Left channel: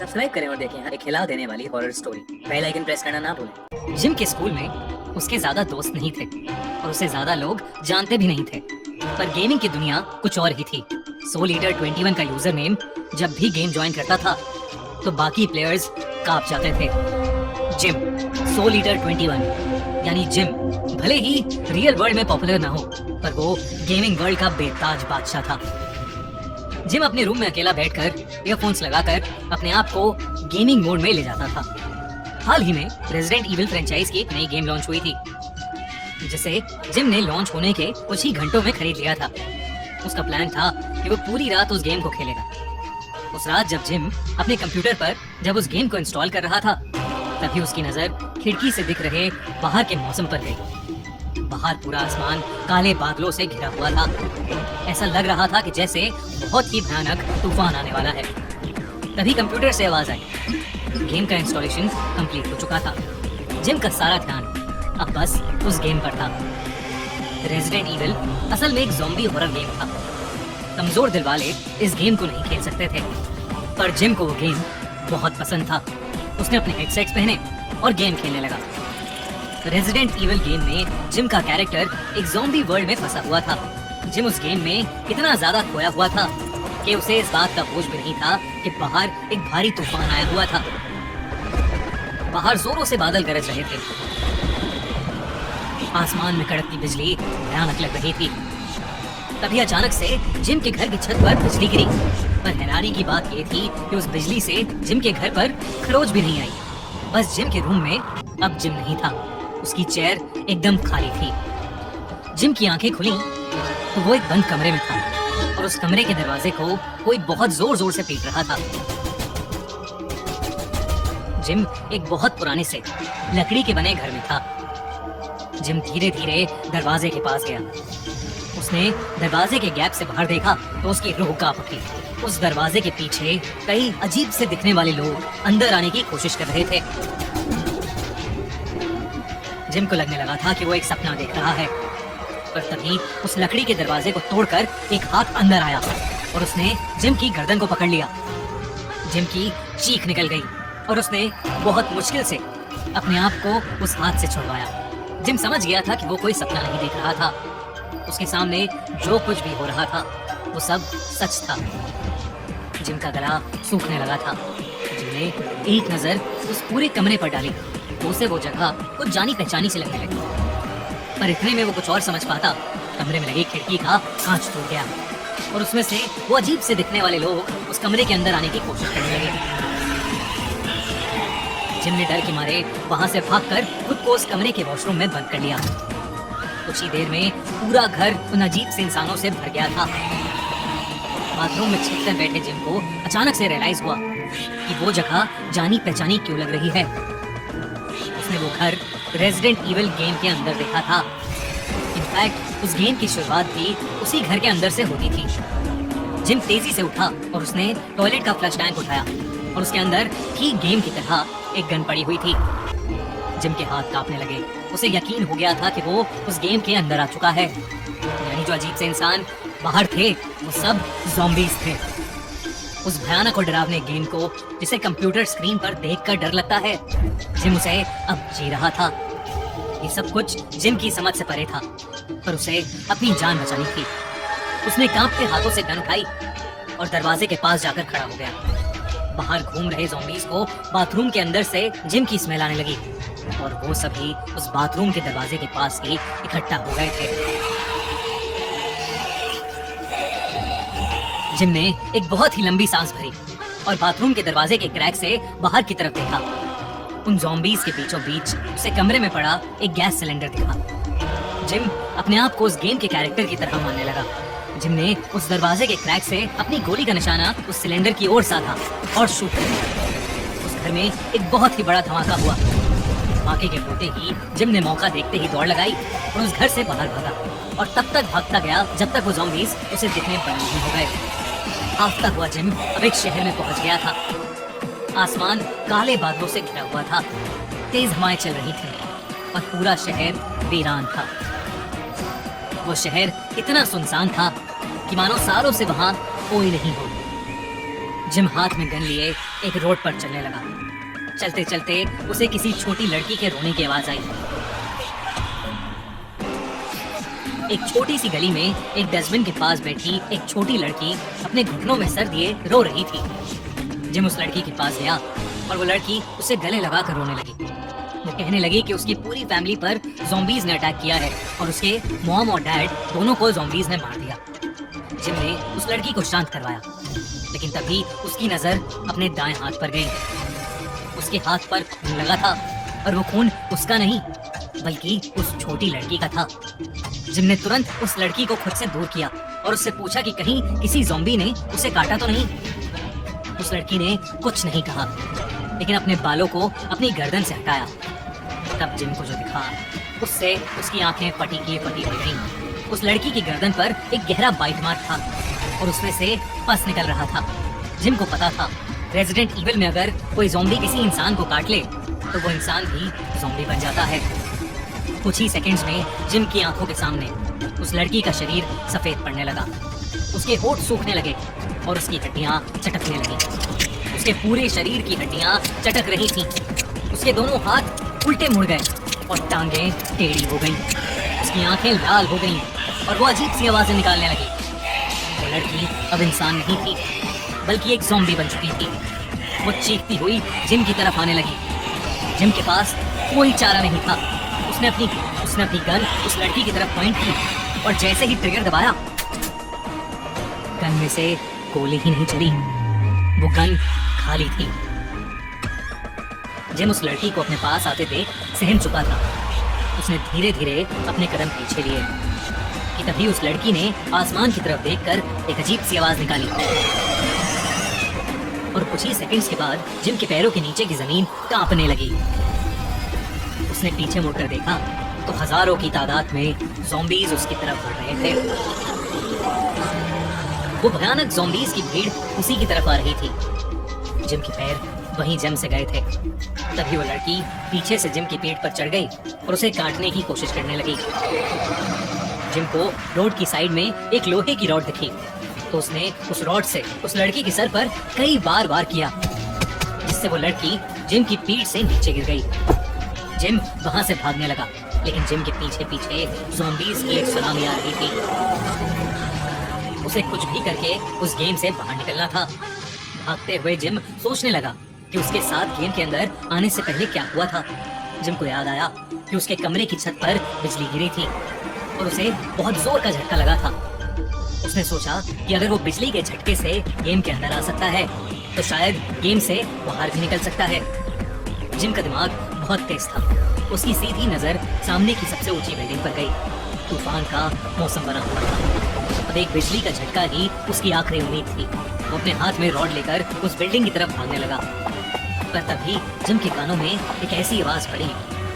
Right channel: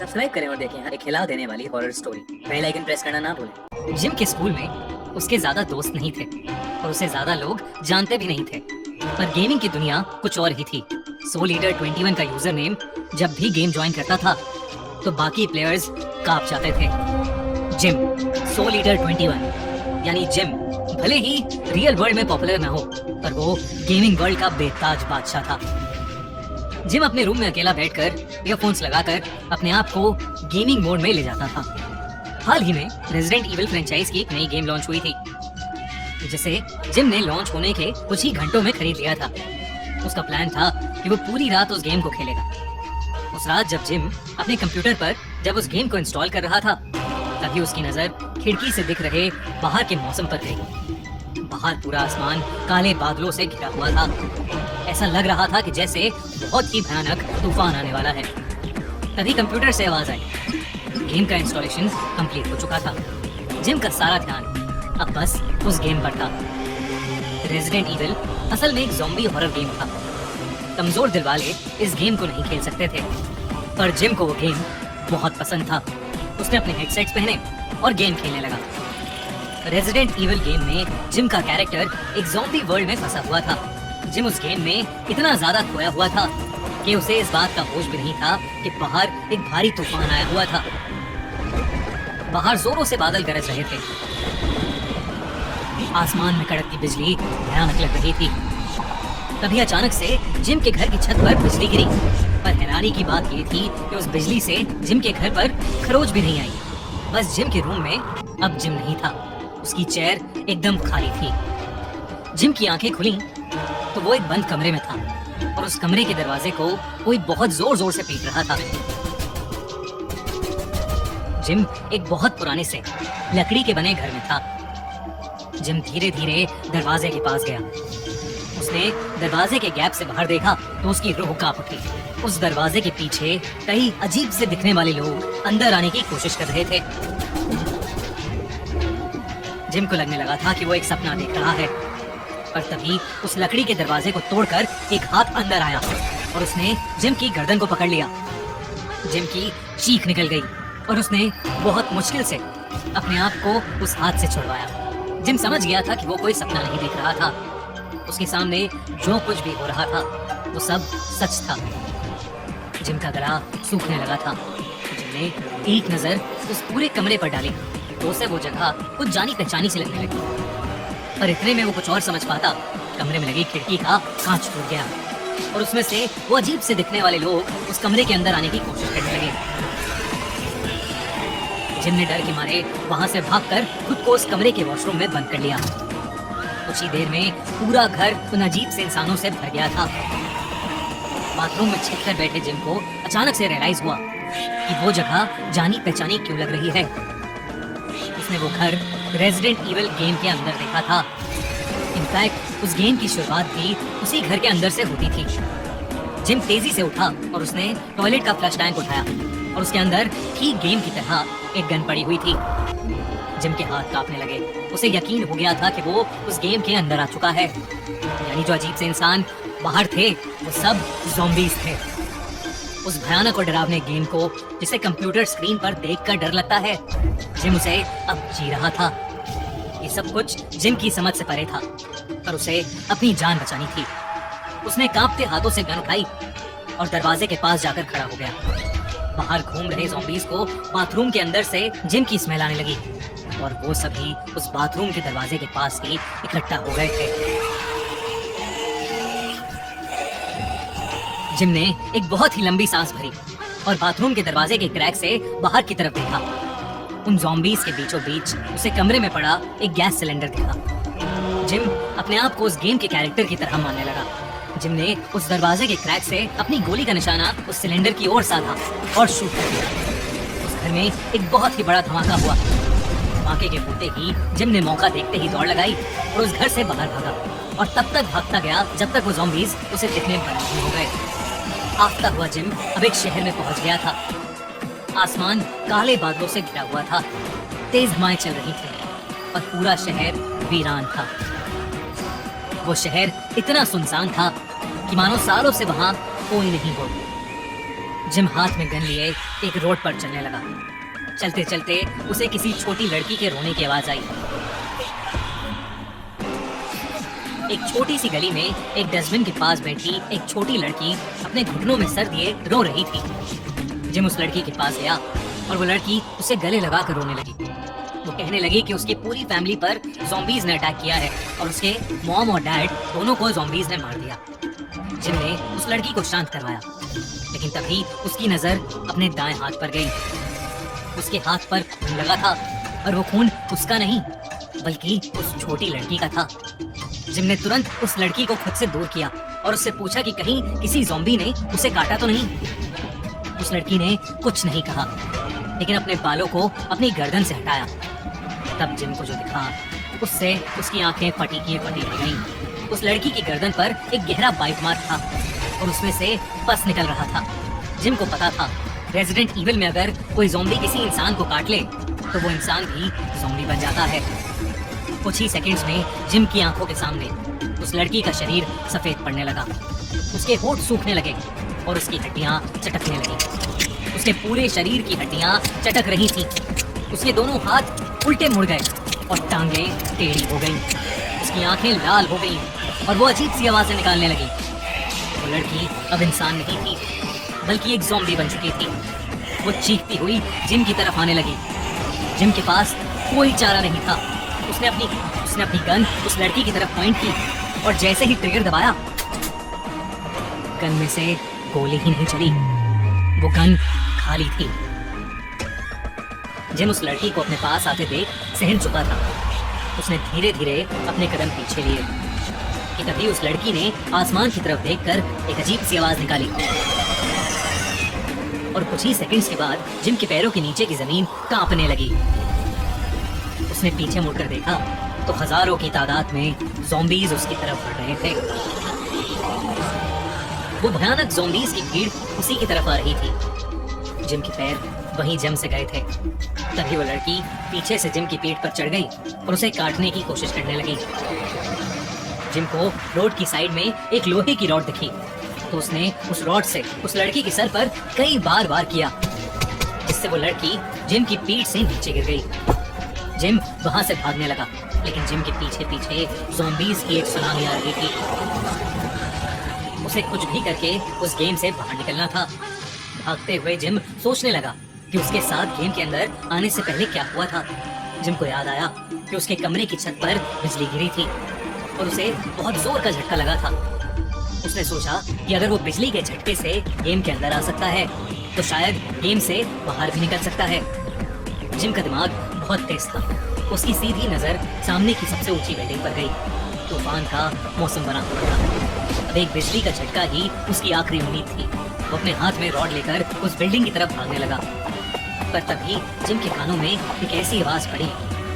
Subscribe करें और देखें हर एक खिला देने वाली horror story. Bell icon press करना ना भूलें। जिम के स्कूल में उसके ज्यादा दोस्त नहीं थे और उसे ज्यादा लोग जानते भी नहीं थे, पर गेमिंग की दुनिया कुछ और ही थी। सोल ईटर 21 का यूजर नेम जब भी गेम ज्वाइन करता था तो बाकी प्लेयर्स कांप जाते थे। जिम, सोल ईटर 21 यानी जिम भले ही रियल वर्ल्ड में पॉपुलर ना हो, पर वो गेमिंग वर्ल्ड का बेताज बादशाह था। जिम अपने रूम में अकेला बैठकर ईयरफोन्स लगाकर अपने आप को गेमिंग मोड में ले जाता था। हाल ही में रेजिडेंट इविल फ्रेंचाइज की एक नई गेम लॉन्च हुई थी, जिसे जिम ने लॉन्च होने के कुछ ही घंटों में खरीद लिया था। उसका प्लान था कि वो पूरी रात उस गेम को खेलेगा। उस रात जब जिम अपने कंप्यूटर पर जब उस गेम को इंस्टॉल कर रहा था, तभी उसकी नजर खिड़की से दिख रहे बाहर के मौसम पर गई। बाहर पूरा आसमान काले बादलों से घिरा हुआ था। ऐसा लग रहा था कि जैसे बहुत ही भयानक तूफान आने वाला है। तभी कंप्यूटर से आवाज आई। गेम का इंस्टॉलेशन कंप्लीट हो चुका था। जिम का सारा ध्यान अब बस उस गेम पर था। रेजिडेंट इविल असल में एक ज़ॉम्बी हॉरर गेम था। कमजोर दिल वाले इस गेम को नहीं खेल सकते थे, पर जिम को वो गेम बहुत पसंद था। उसने अपने हेडसेट्स पहने और गेम खेलने लगा। रेजिडेंट इविल गेम में जिम का कैरेक्टर एक ज़ॉम्बी वर्ल्ड में फंसा हुआ था। जिम उस गेम में इतना ज्यादा खोया हुआ था कि उसे इस बात का होश भी नहीं था कि बाहर एक भारी तूफान आया हुआ था। बाहर जोरों से बादल गरज रहे थे। आसमान में कड़कती बिजली भयानक लग रही थी। तभी अचानक से जिम के घर की छत पर बिजली गिरी। पर हैरानी की बात ये थी कि उस बिजली से जिम के घर पर खरोच भी नहीं आई। बस जिम के रूम में अब जिम नहीं था। उसकी चेयर एकदम खाली थी। जिम की आंखें खुली तो वो एक बंद कमरे में था और उस कमरे के दरवाजे को कोई बहुत जोर जोर से पीट रहा था। जिम एक बहुत पुराने से लकड़ी के बने घर में था। जिम धीरे धीरे दरवाजे के पास गया। उसने दरवाजे के गैप से बाहर देखा तो उसकी रूह कांप उठी। उस दरवाजे के पीछे कई अजीब से दिखने वाले लोग अंदर आने की कोशिश कर रहे थे। जिम को लगने लगा था कि वो एक सपना देख रहा है, पर तभी उस लकड़ी के दरवाजे को तोड़कर एक हाथ अंदर आया और उसने जिम की गर्दन को पकड़ लिया। जिम की चीख निकल गई और उसने बहुत मुश्किल से अपने आप को उस हाथ से छुड़वाया। जिम समझ गया था कि वो कोई सपना नहीं देख रहा था। उसके सामने जो कुछ भी हो रहा था वो सब सच था। जिम का गला सूखने लगा था। जिम ने एक नजर उस पूरे कमरे पर डाली तो उसे वो जगह कुछ जानी पहचानी से लगने लगी। पर इतने में वो कुछ और समझ पाता। कमरे में लगी खिड़की का कांच टूट गया और उसमें से वो अजीब से दिखने वाले लोग उस कमरे के अंदर आने की कोशिश करने लगे। जिम ने डर के मारे वहां से भागकर खुद को उस कमरे के वॉशरूम में बंद कर लिया। कुछ ही देर में पूरा घर उन अजीब से इंसानों से भर गया था। बाथरूम में छिपकर बैठे जिम को अचानक से रियलाइज हुआ कि वो जगह जानी पहचानी क्यों लग रही है। उसने वो घर रेजिडेंट इविल गेम के अंदर देखा था। इनफैक्ट उस गेम की शुरुआत भी उसी घर के अंदर से होती थी। जिम तेजी से उठा और उसने टॉयलेट का फ्लश टैंक उठाया और उसके अंदर ठीक गेम की तरह एक गन पड़ी हुई थी। जिम के हाथ कांपने लगे। उसे यकीन हो गया था कि वो उस गेम के अंदर आ चुका है। यानी जो अजीब से इंसान बाहर थे वो सब ज़ॉम्बीज़ थे। उस भयानक और डरावने गेम को जिसे कंप्यूटर स्क्रीन पर देखकर डर लगता है, जिम उसे अब जी रहा था। ये सब कुछ जिम की समझ से परे था, पर उसे अपनी जान बचानी थी। उसने कांपते हाथों से गन उठाई और दरवाजे के पास जाकर खड़ा हो गया। बाहर घूम रहे ज़ॉम्बीज़ को बाथरूम के अंदर से जिम की स्मेल आने लगी और वो सभी उस बाथरूम के दरवाजे के पास ही इकट्ठा हो गए थे। जिम ने एक बहुत ही लंबी सांस भरी और बाथरूम के दरवाजे के क्रैक से बाहर की तरफ देखा। उन ज़ॉम्बीज़ के बीचों बीच उसे कमरे में पड़ा एक गैस सिलेंडर दिखा। जिम अपने आप को उस गेम के कैरेक्टर की तरह मानने लगा। जिम ने उस दरवाजे के क्रैक से अपनी गोली का निशाना उस सिलेंडर की ओर साधा और शूट कर दिया। उस घर में एक बहुत ही बड़ा धमाका हुआ। धमाके के होते ही जिम ने मौका देखते ही दौड़ लगाई और उस घर से बाहर भागा और तब तक भागता गया जब तक वो ज़ॉम्बीज़ उसे दिखने शुरू हो गए। भागता हुआ जिम अब एक शहर में पहुंच गया था। आसमान काले बादलों से घिरा हुआ था। तेज हवाएं चल रही थी और पूरा शहर वीरान था। वो शहर इतना सुनसान था कि मानो सालों से वहां कोई नहीं बोलता। जिम हाथ में गन लिए एक रोड पर चलने लगा। चलते चलते उसे किसी छोटी लड़की के रोने की आवाज आई। एक छोटी सी गली में एक डस्टबिन के पास बैठी एक छोटी लड़की अपने घुटनों में सर दिए रो रही थी। जिम उस लड़की के पास गया और वो लड़की उसे गले लगा कर रोने लगी। वो कहने लगी कि उसकी पूरी फैमिली पर ज़ॉम्बीज ने अटैक किया है और उसके मॉम और डैड दोनों को ज़ॉम्बीज ने मार दिया। जिम ने उस लड़की को शांत करवाया, लेकिन तभी उसकी नजर अपने दाएं हाथ पर गई। उसके हाथ पर लगा था और वो खून उसका नहीं बल्कि उस छोटी लड़की का था। जिम ने तुरंत उस लड़की को खुद से दूर किया और उससे पूछा कि कहीं किसी ज़ॉम्बी ने उसे काटा तो नहीं। उस लड़की ने कुछ नहीं कहा, लेकिन अपने बालों को अपनी गर्दन से हटाया। तब जिम को जो दिखा उससे उसकी आंखें फटी की फटी हो गईं। उस लड़की की गर्दन पर एक गहरा बाइट मार्क था और उसमें से पस निकल रहा था। जिम को पता था रेजिडेंट इविल में अगर कोई ज़ॉम्बी किसी इंसान को काट ले तो वो इंसान भी ज़ॉम्बी बन जाता है। कुछ ही सेकंड्स में जिम की आंखों के सामने उस लड़की का शरीर सफेद पड़ने लगा। उसके होंठ सूखने लगे और उसकी हड्डियां चटकने लगी। उसके पूरे शरीर की हड्डियां चटक रही थी। उसके दोनों हाथ उल्टे मुड़ गए और टांगें टेढ़ी हो गई। उसकी आंखें लाल हो गई और वो अजीब सी आवाजें निकालने लगी। वो लड़की अब इंसान नहीं थी बल्कि एक ज़ॉम्बी बन चुकी थी। वो चीखती हुई जिम की तरफ आने लगी। जिम के पास कोई चारा नहीं था। उसने अपनी गन उस लड़की की तरफ पॉइंट की और जैसे ही ट्रिगर दबाया गन में से गोली ही नहीं चली, वो गन खाली थी। जिम उस लड़की को अपने पास आते देख सहम चुका था। उसने धीरे धीरे अपने कदम पीछे लिए कि तभी उस लड़की ने आसमान की तरफ देखकर एक अजीब सी आवाज निकाली और कुछ ही सेकंड्स के बाद जिम के पैरों के नीचे की जमीन कांपने लगी। उसने पीछे मुड़कर देखा तो हजारों की तादाद में ज़ॉम्बीज उसकी तरफ बढ़ रहे थे। वो भयानक ज़ॉम्बीज की भीड़ उसी की तरफ आ रही थी। जिम के पैर वहीं जम से गए थे। तभी वो लड़की पीछे से जिम की पीठ पर चढ़ गई और उसे काटने की कोशिश करने लगी। जिम को रोड की साइड में एक लोहे की रॉड दिखी तो उसने उस रॉड से उस लड़की के सर पर कई बार वार किया, जिससे वो लड़की जिम की पीठ से नीचे गिर गई। जिम वहां से भागने लगा, लेकिन जिम के पीछे पीछे ज़ॉम्बीज की एक सुनामी आ रही थी। उसे कुछ भी करके उस गेम से बाहर निकलना था। भागते हुए जिम सोचने लगा कि उसके साथ गेम के अंदर आने से पहले क्या हुआ था। जिम को याद आया कि उसके कमरे की छत पर बिजली गिरी थी और उसे बहुत जोर का झटका लगा था। उसने सोचा कि अगर वो बिजली के झटके से गेम के अंदर आ सकता है तो शायद गेम से बाहर भी निकल सकता है। जिम का दिमाग बहुत तेज था। उसकी सीधी नजर सामने की सबसे ऊंची बिल्डिंग पर गई। तूफान का मौसम बना हुआ था। अब एक बिजली का झटका ही उसकी आखिरी उम्मीद थी। वो अपने हाथ में रॉड लेकर उस बिल्डिंग की तरफ भागने लगा, पर तभी जिम के कानों में एक ऐसी आवाज पड़ी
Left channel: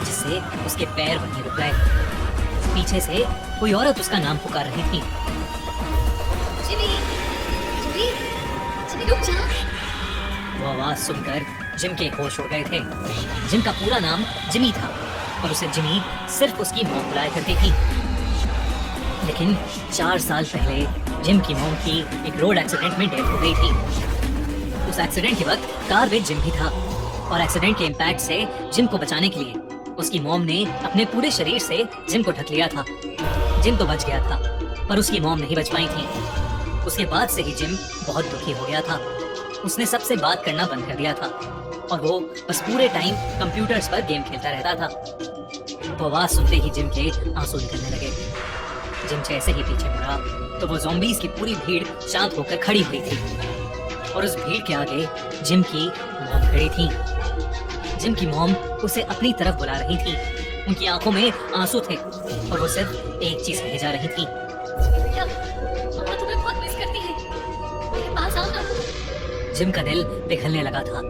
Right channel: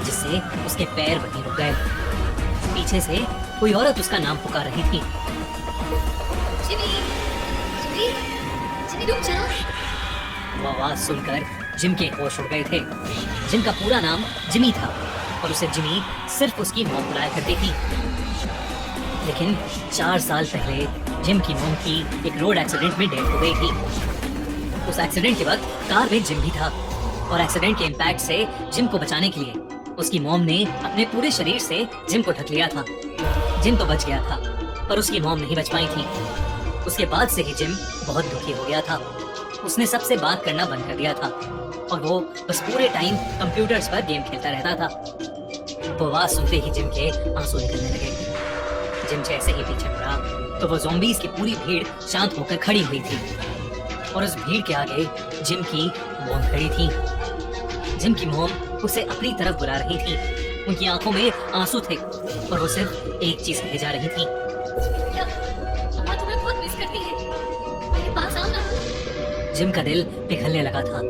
जिससे उसके पैर वहीं रुक गए। पीछे से कोई औरत उसका नाम पुकार रही थी। जिमी, जिमी, जिमी रुक जा। वो आवाज सुनकर जिम के होश उड़ गए थे। जिम का पूरा नाम जिमी था और उसे जिमी सिर्फ उसकी मॉम बुलाया करती थी। लेकिन 4 साल पहले जिम की मॉम की एक रोड एक्सीडेंट में डेथ हो गई थी। उस एक्सीडेंट के वक्त कार में जिम भी था और एक्सीडेंट के इम्पैक्ट से जिम को बचाने के लिए उसकी मॉम ने अपने पूरे शरीर से जिम को ढक लिया था। जिम तो बच गया था पर उसकी मॉम नहीं बच पाई थी। उसके बाद से ही जिम बहुत दुखी हो गया था। उसने सबसे बात करना बंद कर दिया था और वो बस पूरे टाइम कंप्यूटर्स पर गेम खेलता रहता था। वो आवाज सुनते ही जिम के आंसू निकलने लगे। जिम जैसे ही पीछे मुड़ा तो वो ज़ॉम्बीज की पूरी भीड़ शांत होकर खड़ी हुई थी और उस भीड़ के आगे जिम की मॉम खड़ी थी। जिम की मॉम उसे अपनी तरफ बुला रही थी। उनकी आंखों में आंसू थे और वो सिर्फ एक चीज कहे जा रही थी, मैं तुम्हें बहुत मिस करती है। मेरे पास आओ ना। जिम का दिल पिघलने लगा था।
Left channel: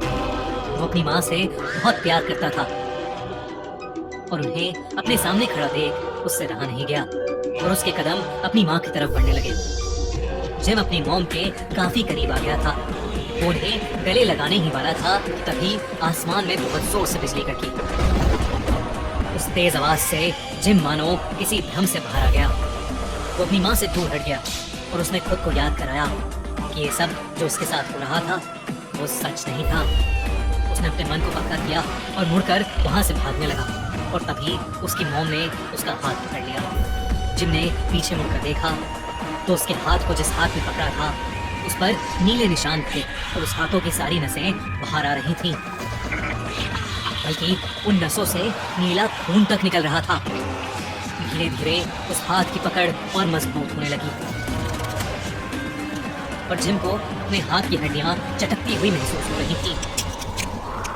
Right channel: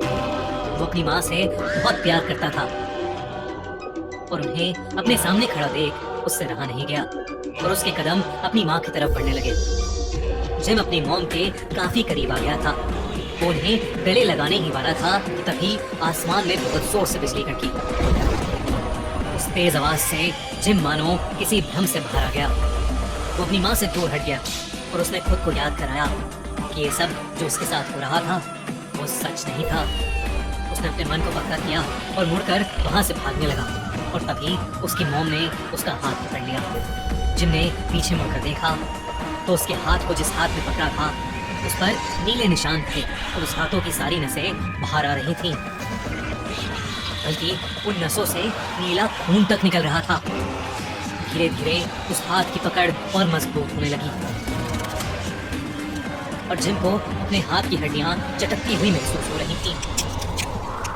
वो अपनी माँ से बहुत प्यार करता था और उन्हें अपने सामने खड़ा देख उससे रहा नहीं गया और उसके कदम अपनी माँ की तरफ बढ़ने लगे। जिम अपनी मॉम के काफी करीब आ गया था। वो उन्हें गले लगाने ही वाला था, तभी आसमान में बहुत जोर से बिजली कड़की। उस तेज आवाज से जिम मानो किसी भ्रम से भरा गया। वो अपनी माँ से दूर हट गया और उसने खुद को याद कराया कि ये सब जो उसके साथ हो रहा था वो सच नहीं था। उसने अपने मन को पक्का किया और मुड़कर वहां से भागने लगा और तभी उसकी मॉम ने उसका हाथ पकड़ लिया। जिम ने पीछे मुड़कर देखा तो उसके हाथ को जिस हाथ में पकड़ा था उस पर नीले निशान थे और उस हाथों की सारी नसें बाहर आ रही थी, बल्कि उन नसों से नीला खून तक निकल रहा था। धीरे धीरे उस हाथ की पकड़ और मजबूत होने लगी और जिम को अपने हाथ की हड्डियां चटकती हुई महसूस हो रही थी।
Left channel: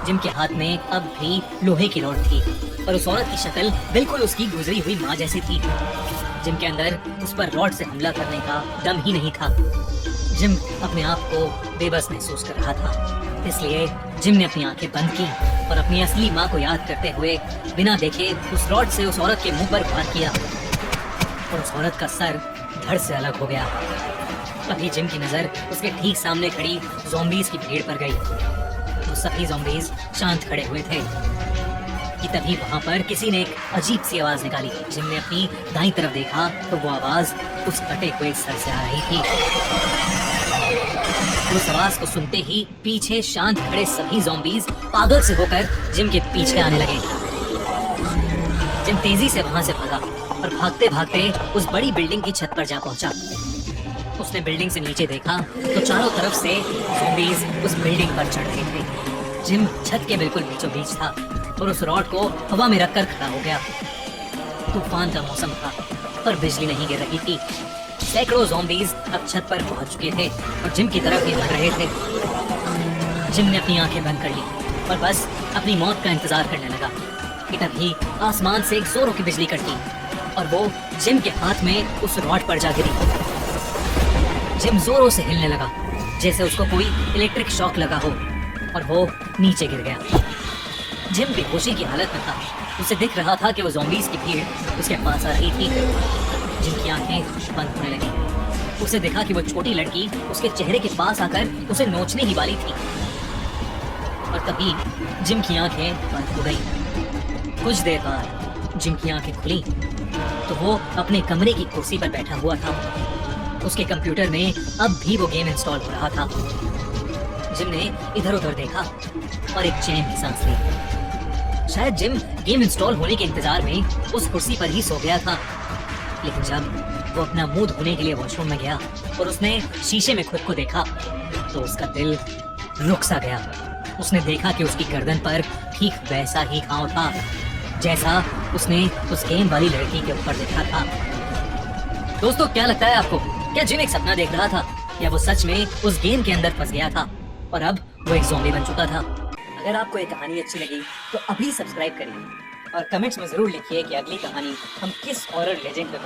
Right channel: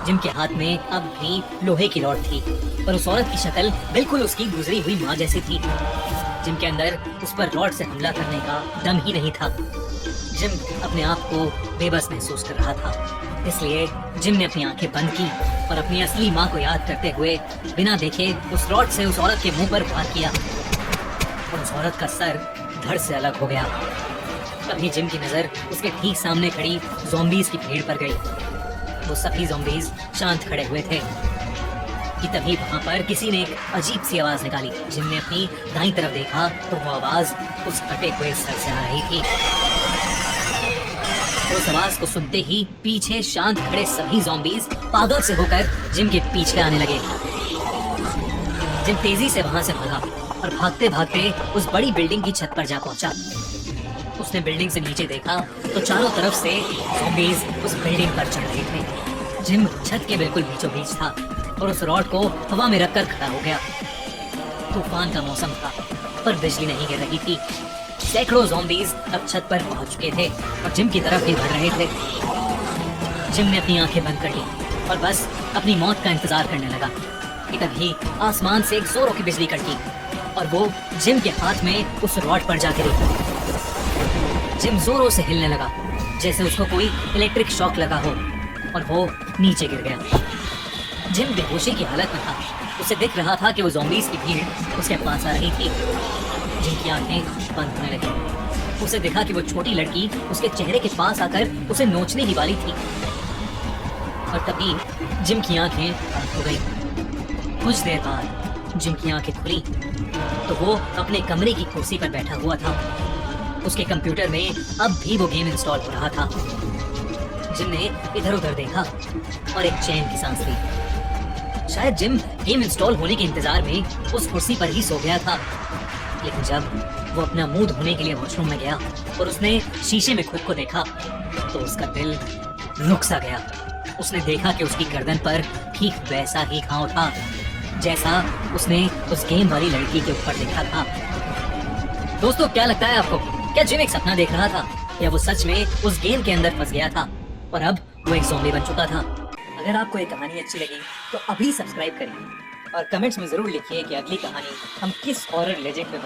जिम के हाथ में अब भी लोहे की रॉड थी और उस औरत की शक्ल बिल्कुल उसकी गुजरी हुई माँ जैसी थी। जिम के अंदर उस पर रॉड से हमला करने का दम ही नहीं था। जिम अपने आप को बेबस महसूस कर रहा था, इसलिए जिम ने अपनी आंखें बंद की और अपनी असली माँ को याद करते हुए बिना देखे उस रॉड से उस औरत के मुंह पर वार किया और उस औरत का सर धड़ से अलग हो गया। तभी जिम की नजर उसके ठीक सामने खड़ी ज़ॉम्बीज़ की भीड़ पर गई। वो सभी ज़ॉम्बीज़ शांत खड़े हुए थे कि तभी वहां पर किसी ने एक अजीब सी आवाज निकाली। जिम ने अपनी दाईं तरफ देखा तो वो आवाज उस फटे हुए सर से आ रही थी। उस आवाज को सुनते ही पीछे शांत खड़े सभी ज़ॉम्बीज़ पागल से होकर जिम के पीछे आने लगे। जिम तेजी से वहां से भागा और भागते भागते उस बड़ी बिल्डिंग की छत पर जा पहुंचा। उसने बिल्डिंग से नीचे देखा तो चारों तरफ से ज़ॉम्बीज़ उस बिल्डिंग पर चढ़ रहे थे। जिम छत के बिल्कुल बीचों बीच था और उस रॉड को हवा में रखकर खड़ा हो गया। तूफान का मौसम था और बिजली नहीं गिर रही थी। सैकड़ों ज़ॉम्बीज़ अब छत पर पहुंच चुके थे और जिम की तरफ भी बढ़ रहे थे। जिम ने अपनी आंखें बंद कर ली और बस अपनी मौत का इंतजार करने लगा कि तभी आसमान से एक जोरों की बिजली कड़की और वो जिम के हाथ में उस रॉड पर जा गिरी। जिम जोरों से हिलने लगा जैसे उसको कोई इलेक्ट्रिक शॉक लगा हो और वो नीचे गिर गया। जिम बेहोशी की हालत में था। उसे दिख रहा था कि वो ज़ॉम्बीज़ की भीड़ उसके पास आ रही थी। जिनकी आंखें बंद होने लगी। उसे देखा कि वो छोटी लड़की उसके चेहरे के पास आकर उसे नोचने की वाली थी और तभी जिम की आंखें बंद हो गई। कुछ देर बाद जिम की आंखें खुली तो वो अपने कमरे की कुर्सी पर बैठा हुआ था। उसके कंप्यूटर में अब भी वो गेम इंस्टॉल हो रहा था। जिम ने इधर उधर देखा और एक चैन की सांस ली। शायद जिम गेम इंस्टॉल होने के इंतजार में उस कुर्सी पर ही सो गया था। लेकिन जब वो अपना मुंह धोने के लिए वॉशरूम में गया और उसने शीशे में खुद को देखा तो उसका दिल रुक सा गया। उसने देखा कि उसकी गर्दन पर ठीक वैसा ही घाव था जैसा उसने उस गेम वाली लड़की के ऊपर देखा था। दोस्तों, क्या लगता है आपको? क्या जिम एक सपना देख रहा था या वो सच में उस गेम के अंदर फंस गया था और अब वही ज़ॉम्बी बन चुका था? अगर आपको ये कहानी अच्छी लगी तो अभी सब्सक्राइब करिए और कमेंट्स में जरूर लिखिए कि अगली कहानी हम किस हॉरर लेजेंड पर